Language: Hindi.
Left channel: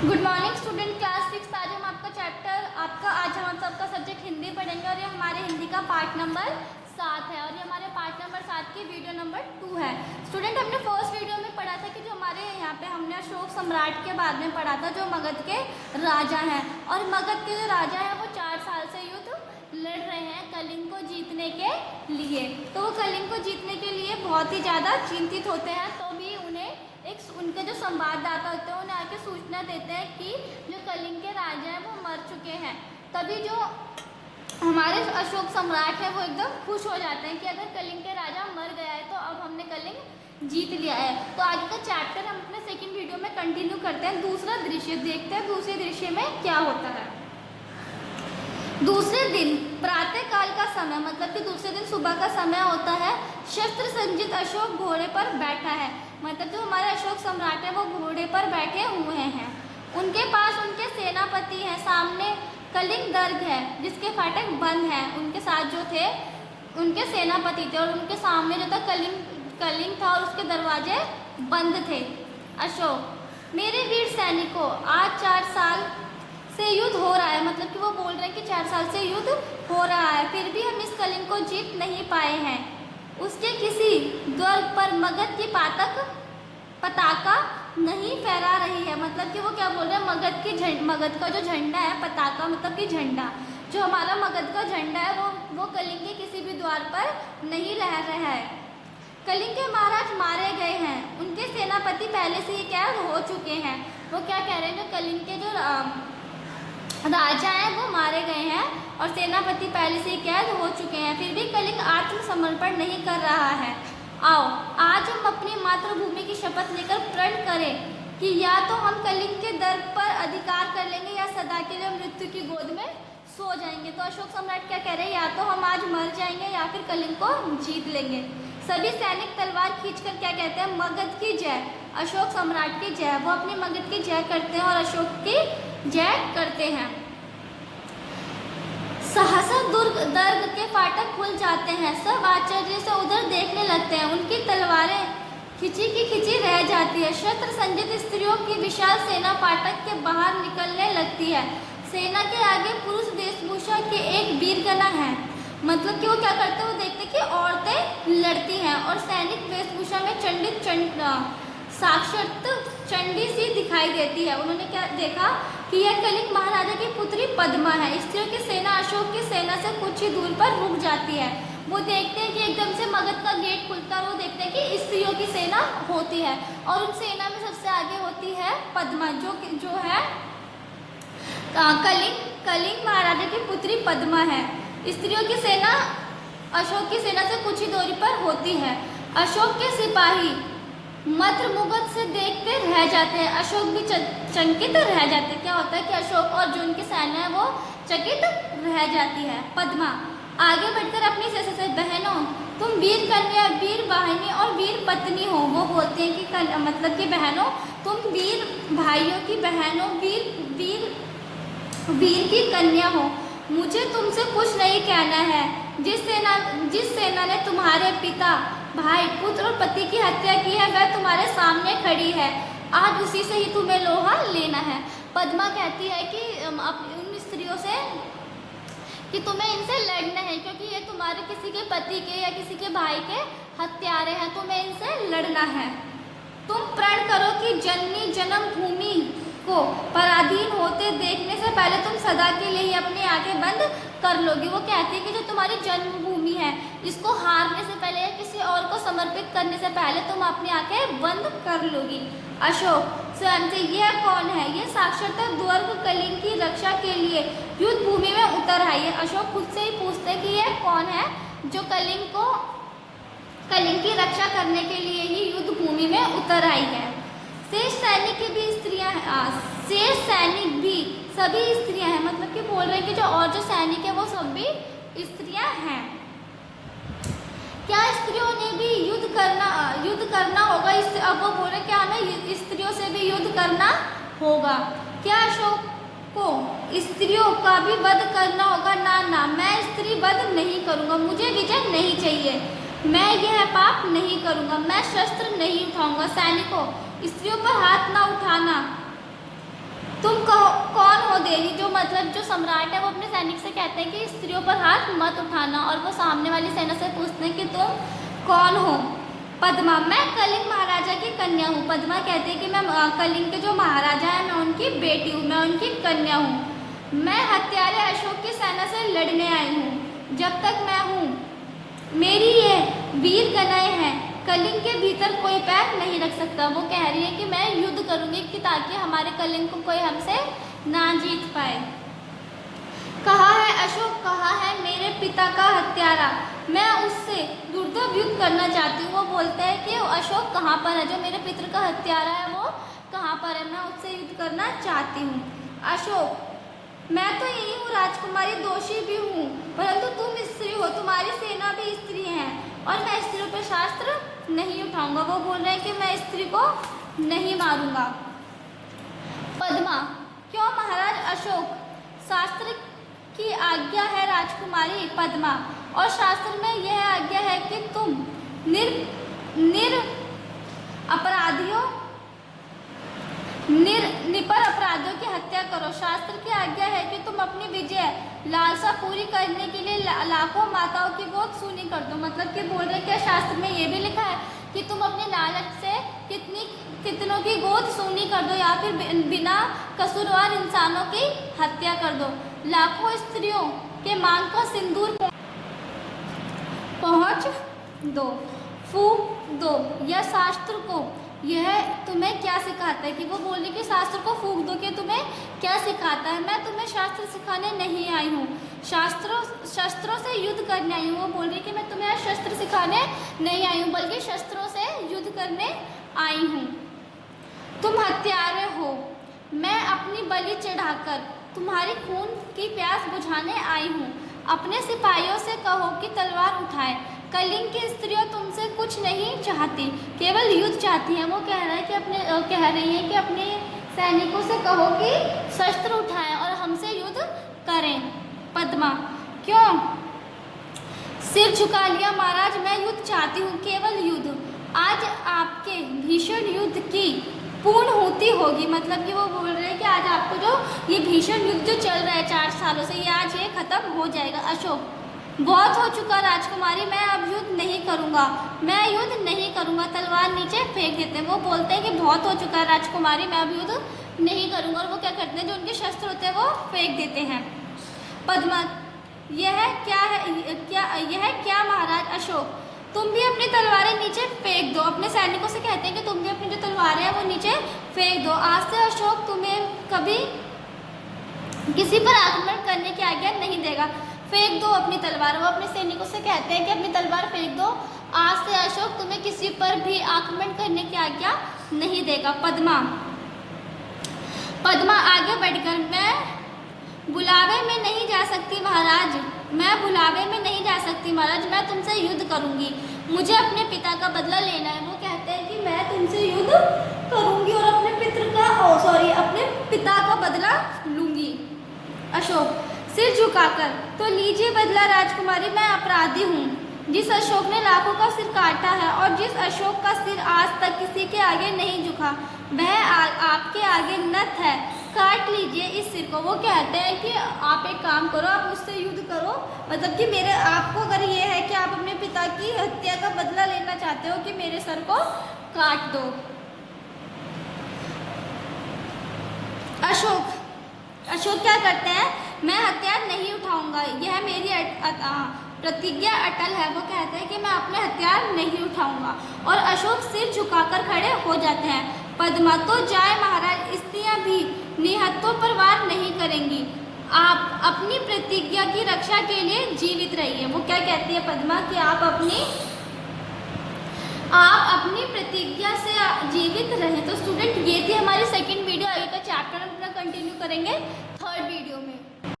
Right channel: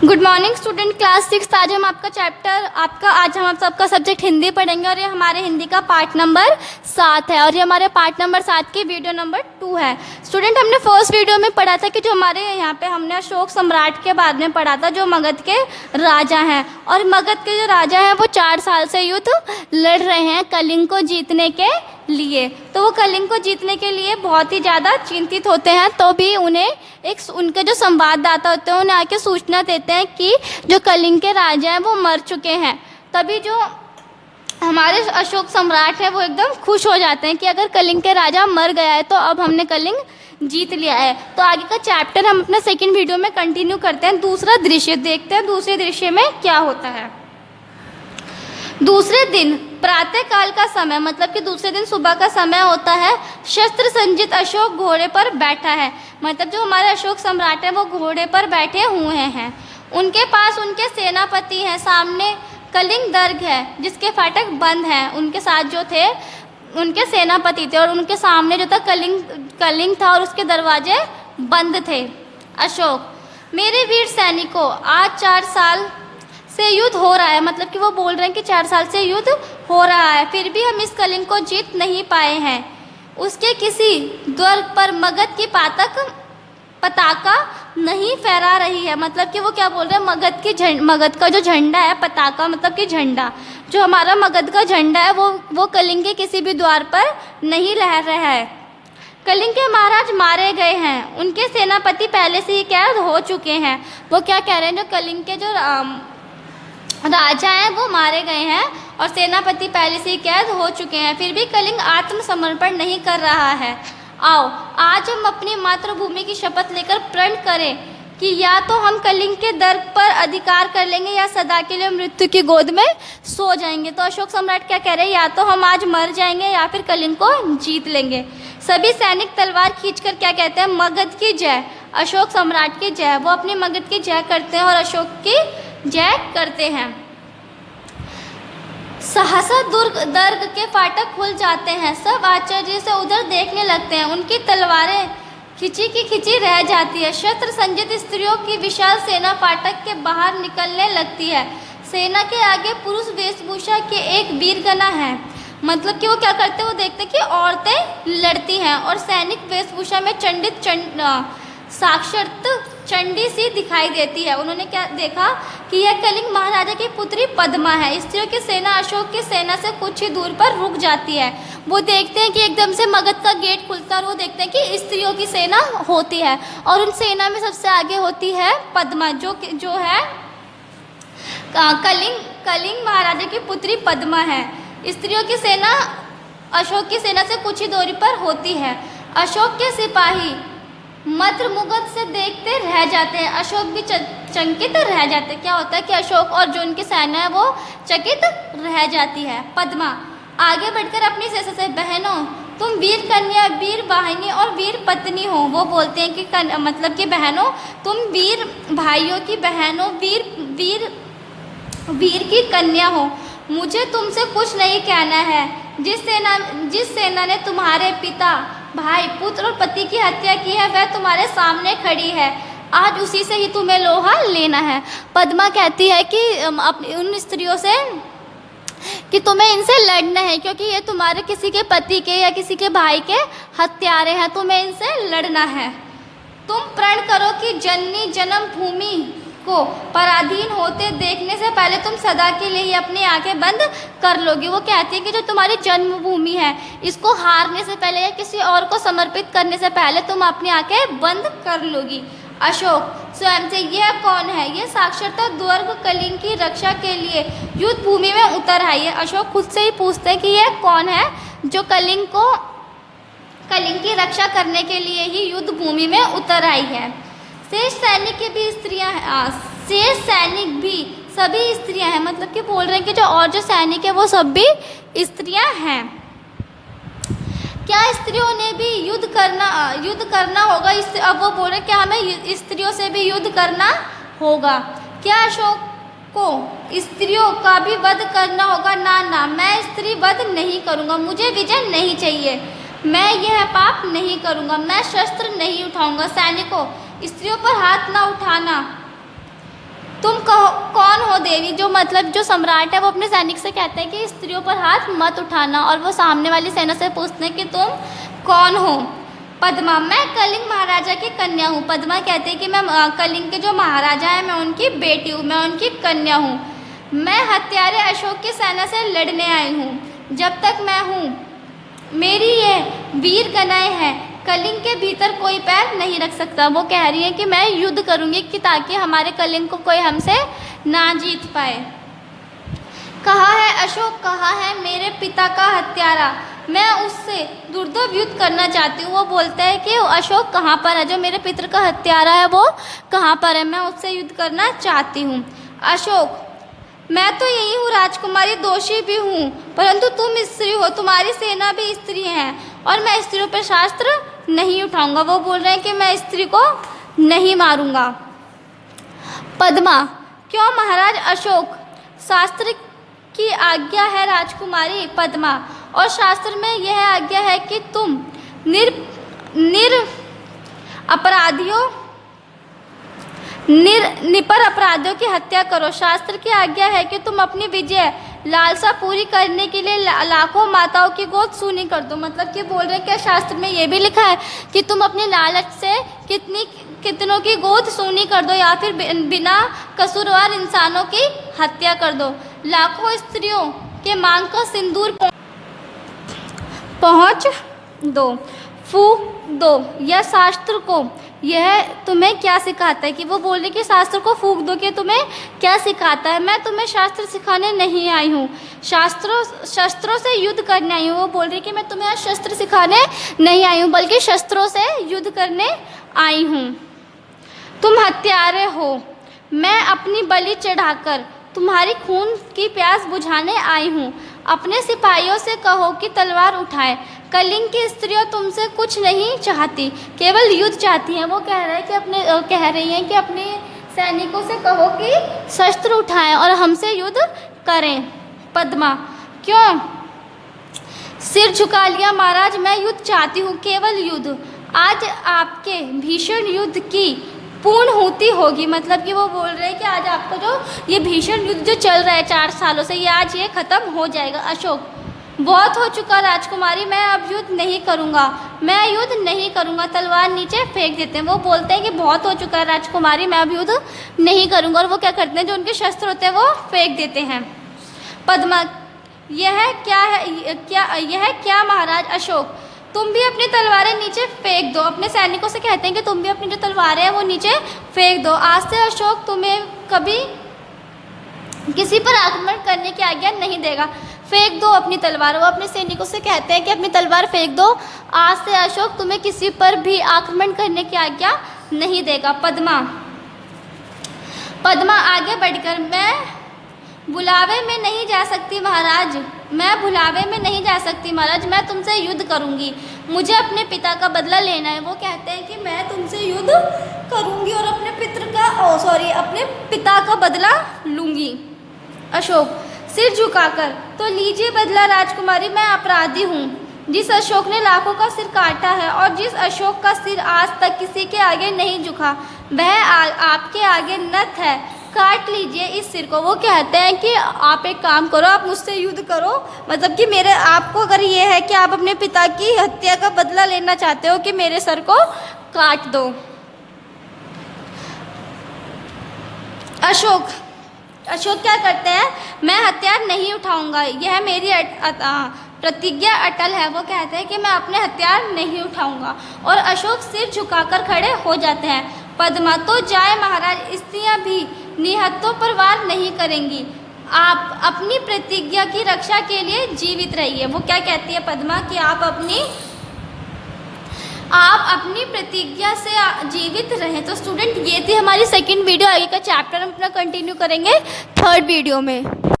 Good morning student, class 6। आज हम आपका सब्जेक्ट हिंदी पढ़ेंगे और ये हमारे हिंदी का पार्ट नंबर 7 है और ये हमारे पार्ट नंबर 7 की वीडियो नंबर 2 है। स्टूडेंट, हमने फर्स्ट वीडियो में पढ़ा था कि जो हमारे यहाँ पे हमने अशोक सम्राट के बारे में पढ़ा था, जो मगध के राजा हैं। और मगध के जो राजा हैं वो 4 साल से युद्ध लड़ रहे हैं कलिंग को जीतने के लिए। तो वो कलिंग को जीतने के लिए बहुत ही ज़्यादा चिंतित होते हैं। तो भी उन्हें उनके जो संवाददाता होते हैं उन्हें आके सूचना देते हैं कि जो कलिंग के राजा हैं वो मर चुके हैं। तभी जो हमारे अशोक सम्राट है वो एकदम खुश हो जाते हैं कि अगर कलिंग के राजा मर गया है तो अब हमने कलिंग जीत लिया है। तो आगे का चैप्टर हम अपना सेकंड वीडियो में कंटिन्यू करते हैं। दूसरा दृश्य देखते हैं, दूसरे दृश्य में क्या होता है। दूसरे दिन प्रातः काल का समय, मतलब कि दूसरे दिन सुबह का समय होता है। शस्त्र संजित अशोक घोड़े पर बैठा है, मतलब जो हमारे अशोक सम्राट है वो घोड़े पर बैठे हुए हैं। उनके पास उनके सेनापति हैं, सामने कलिंग दुर्ग है जिसके फाटक बंद हैं। उनके साथ जो थे उनके सेनापति थे और उनके सामने जो था कलिंग था और उसके दरवाजे बंद थे। अशोक, मेरे वीर सैनिकों, आज 4 साल से युद्ध हो रहा है, मतलब कि वो बोल रहे हैं कि 4 साल से युद्ध हो रहा है, फिर भी हम इस कलिंग को जीत नहीं पाए हैं। उसके किसी दुर्ग पर मगध की पताका नहीं फहरा रही है, मतलब कि वो क्या बोल रहे हैं, मगध का जो झंडा है, पताका मतलब कि झंडा, जो हमारा मगध का झंडा है वो कलिंग के किसी भी द्वार पर नहीं लहर रहा है। कलिंग के महाराज मारे गए हैं, उनके सेनापति पहले से ही कैद हो चुके हैं। वो क्या कह रहे हैं, जो कलिंग के जो राजा हैं वो मारे गए हैं और सेनापति पहले से ही कैद हो चुके हैं, फिर भी कलिंग आत्मसमर्पण नहीं कर रहा है। आओ आज हम अपनी मातृभूमि की शपथ लेकर प्रण करें कि या तो हम कलिंग के दर्प पर अधिकार कर लेंगे या सदा के लिए मृत्यु की गोद में सो जाएंगे। तो अशोक सम्राट क्या कह रहे हैं, या तो हम आज मर जाएंगे या फिर कलिंग को जीत लेंगे। सभी सैनिक तलवार खींचकर क्या कहते हैं, मगध की जय, अशोक सम्राट की जय। वो अपने मगध की जय करते हैं और अशोक की जय करते हैं। सहसा दुर्ग के फाटक खुल जाते हैं, सब आश्चर्य से उधर देखने लगते हैं। उनकी तलवारें खिंची की खिंची रह जाती है। शस्त्र संजित स्त्रियों की विशाल सेना फाटक के बाहर निकलने लगती है। सेना के आगे पुरुष वेशभूषा के एक वीरगना है, मतलब कि वो क्या करते हैं, वो देखते हैं कि औरतें लड़ती हैं और सैनिक वेशभूषा में साक्षात चंडी सी दिखाई देती है। उन्होंने क्या देखा कि यह कलिंग महाराजा की पुत्री पद्मा है। स्त्रियों की सेना अशोक की सेना से कुछ ही दूर पर रुक जाती है। वो देखते हैं कि एकदम से मगध का गेट खुलता है और वो देखते हैं कि स्त्रियों की सेना होती है और उन सेना में सबसे आगे होती है पद्मा, जो है कलिंग महाराजा की पुत्री पद्मा है। स्त्रियों की सेना अशोक की सेना से कुछ ही दूरी पर होती है। अशोक के सिपाही मंत्रमुग्ध से देखते रह जाते हैं, अशोक भी चकित रह जाते हैं। क्या होता है कि अशोक और जो उनकी सेना है वो चकित रह जाती है। पद्मा आगे बढ़कर अपनी से बहनों, तुम वीर कन्या, वीर वाहिनी और वीर पत्नी हो। वो बोलते हैं कि मतलब कि बहनों, तुम वीर भाइयों की बहनों, वीर की कन्या हो। मुझे तुमसे कुछ नहीं कहना है। जिस सेना ने तुम्हारे पिता, भाई, पुत्र और पति की हत्या की है वह तुम्हारे सामने खड़ी है। आज उसी से ही तुम्हें लोहा लेना है। पद्मा कहती है कि उन स्त्रियों से कि तुम्हें इनसे लड़ना है, क्योंकि ये तुम्हारे किसी के पति के या किसी के भाई के हत्यारे हैं, तुम्हें इनसे लड़ना है। तुम प्रण करो कि जननी जन्मभूमि को पराधीन होते देखने से पहले तुम सदा के लिए ही अपनी आंखें बंद कर लोगे। वो कहती है कि जो तुम्हारी जन्मभूमि है इसको हारने से पहले या किसी और को समर्पित करने से पहले तुम अपनी आंखें बंद कर लोगी। अशोक स्वयं से, यह कौन है? यह साक्षरता दुर्ग कलिंग की रक्षा के लिए युद्ध भूमि में उतर आई है। अशोक खुद से ही पूछते हैं कि यह कौन है जो कलिंग की रक्षा करने के लिए ही युद्ध भूमि में उतर आई है। शेष सैनिक की भी स्त्रियां हैं, शेष सैनिक भी सभी स्त्रियां हैं, मतलब कि बोल रहे हैं कि जो और जो सैनिक है वो सब भी स्त्रियां हैं। क्या स्त्रियों ने भी युद्ध करना होगा? अब वो बोल रहे हैं कि हमें स्त्रियों से भी युद्ध करना होगा। क्या अशोक को स्त्रियों का भी वध करना होगा? ना, मैं स्त्री वध नहीं करूँगा, मुझे विजय नहीं चाहिए, मैं यह पाप नहीं करूँगा, मैं शस्त्र नहीं उठाऊँगा। सैनिकों, स्त्रियों पर हाथ न उठाना। देवी, जो मतलब जो सम्राट है वो अपने सैनिक से कहते हैं कि स्त्रियों पर हाथ मत उठाना, और वो सामने वाली सेना से पूछते हैं कि तुम कौन हो। पद्मा, मैं कलिंग महाराजा की कन्या हूँ। पद्मा कहते हैं कि मैं कलिंग के जो महाराजा हैं मैं उनकी बेटी हूँ, मैं उनकी कन्या हूँ। मैं हत्यारे अशोक की सेना से लड़ने आई हूँ। जब तक मैं हूँ मेरी ये वीर गणाएं हैं, कलिंग के भीतर कोई पैर नहीं रख सकता। वो कह रही है कि मैं युद्ध करूँगी कि ताकि हमारे कलिंग को कोई हमसे ना जीत पाए। कहा है अशोक, कहा है मेरे पिता का हत्यारा, मैं उससे दुर्दभ युद्ध करना चाहती हूँ। वो बोलता है कि अशोक कहाँ पर है, जो मेरे पिता का हत्यारा है वो कहाँ पर है, मैं उससे युद्ध करना चाहती हूँ। अशोक, मैं तो यही हूँ राजकुमारी, दोषी भी हूँ, परंतु तुम स्त्री हो, तुम्हारी सेना भी स्त्री है, और मैं स्त्रियों पर शास्त्र नहीं उठाऊंगा। वो बोल रहे हैं कि मैं स्त्री को नहीं मारूंगा। पद्मा, क्यों महाराज अशोक, शास्त्र की आज्ञा है राजकुमारी पद्मा, और शास्त्र में यह आज्ञा है कि तुम निपर अपराधियों की हत्या करो। शास्त्र की आज्ञा है कि तुम अपनी विजय लालसा पूरी करने के लिए लाखों माताओं की गोद सूनी कर दो। मतलब कि बोल रहे हैं कि शास्त्र में ये भी लिखा है कि तुम अपने लालच से कितनों की गोद सूनी कर दो, या फिर बिना कसूरवार इंसानों की हत्या कर दो। लाखों स्त्रियों के मांग का सिंदूर पहुँच दो, फूंक दो। यह शास्त्र को यह तुम्हें क्या सिखाता है, कि वो बोल रहे कि शास्त्र को फूंक दो कि तुम्हें क्या सिखाता है। मैं तुम्हें शास्त्र सिखाने नहीं आई हूँ, शस्त्रों से युद्ध करने आई हूँ। वो बोल रही कि मैं तुम्हें शस्त्र सिखाने नहीं आई हूँ, बल्कि शस्त्रों से युद्ध करने आई हूँ। तुम हत्यारे हो, मैं अपनी बलि चढ़ाकर तुम्हारी खून की प्यास बुझाने आई हूँ। अपने सिपाहियों से कहो कि तलवार उठाए। कलिंग की स्त्रियों तुमसे कुछ नहीं चाहती, केवल युद्ध चाहती हैं। वो कह रही हैं कि अपने सैनिकों से कहो कि शस्त्र उठाएं और हमसे युद्ध करें। पद्मा, क्यों सिर झुका लिया महाराज, मैं युद्ध चाहती हूँ, केवल युद्ध। आज आपके भीषण युद्ध की पूर्णहुति होगी। मतलब कि वो बोल रहे हैं कि आज आपका जो ये भीषण युद्ध जो चल रहा है 4 सालों से, ये आज ये खत्म हो जाएगा। अशोक, बहुत हो चुका राजकुमारी, मैं अब युद्ध नहीं करूँगा, मैं युद्ध नहीं करूँगा। तलवार नीचे फेंक देते हैं। वो बोलते हैं कि बहुत हो चुका है राजकुमारी, मैं अब युद्ध नहीं करूँगा, और वो क्या करते हैं, जो उनके शस्त्र होते हैं वो फेंक देते हैं। पद्मा, यह क्या महाराज अशोक, तुम भी अपनी तलवारें नीचे फेंक दो। अपने सैनिकों से कहते हैं कि तुम भी अपनी जो तलवारें हैं वो नीचे फेंक दो। आज से अशोक तुम्हें कभी किसी पर आक्रमण करने की आज्ञा नहीं देगा। फेंक दो अपनी तलवार। वो अपने सैनिकों से कहते हैं कि अपनी तलवार फेंक दो, आज से अशोक तुम्हें किसी पर भी आक्रमण करने की आज्ञा नहीं देगा। पद्मा आगे बढ़कर, मैं बुलावे में नहीं जा सकती महाराज, मैं बुलावे में नहीं जा सकती महाराज, मैं तुमसे युद्ध करूंगी, मुझे अपने पिता का बदला लेना है। वो कहते हैं कि मैं तुमसे युद्ध करूंगी और अपने अपने पिता का बदला लूंगी। अशोक सिर झुकाकर, तो लीजिए बदला राजकुमारी, मैं अपराधी हूँ। जिस अशोक ने लाखों का सिर काटा है और जिस अशोक का सिर आज तक किसी के आगे नहीं झुका, वह आपके आगे नत है, काट लीजिए इस सिर को। वो कहते हैं कि आप एक काम करो, आप मुझसे युद्ध करो। मतलब कि मेरे आपको अगर ये है कि आप अपने पिता की हत्या का बदला लेना चाहते हो कि मेरे सर को काट दो। अशोक क्या करते हैं, मैं हथियार नहीं उठाऊंगा, यह मेरी प्रतिज्ञा अटल है। वो कहते हैं कि मैं अपने हथियार नहीं उठाऊंगा, और अशोक सिर झुकाकर खड़े हो जाते हैं। पद्मा, तो जाए महाराज, स्त्रियां भी निहत्तों पर वार नहीं करेंगी, आप अपनी प्रतिज्ञा की रक्षा के लिए जीवित रहिए। वो क्या कहती है पद्मा कि आप अपनी प्रतिज्ञा से जीवित रहें। तो स्टूडेंट, ये थी हमारी सेकंड वीडियो। आगे का चैप्टर हम अपना कंटिन्यू करेंगे 3rd वीडियो में।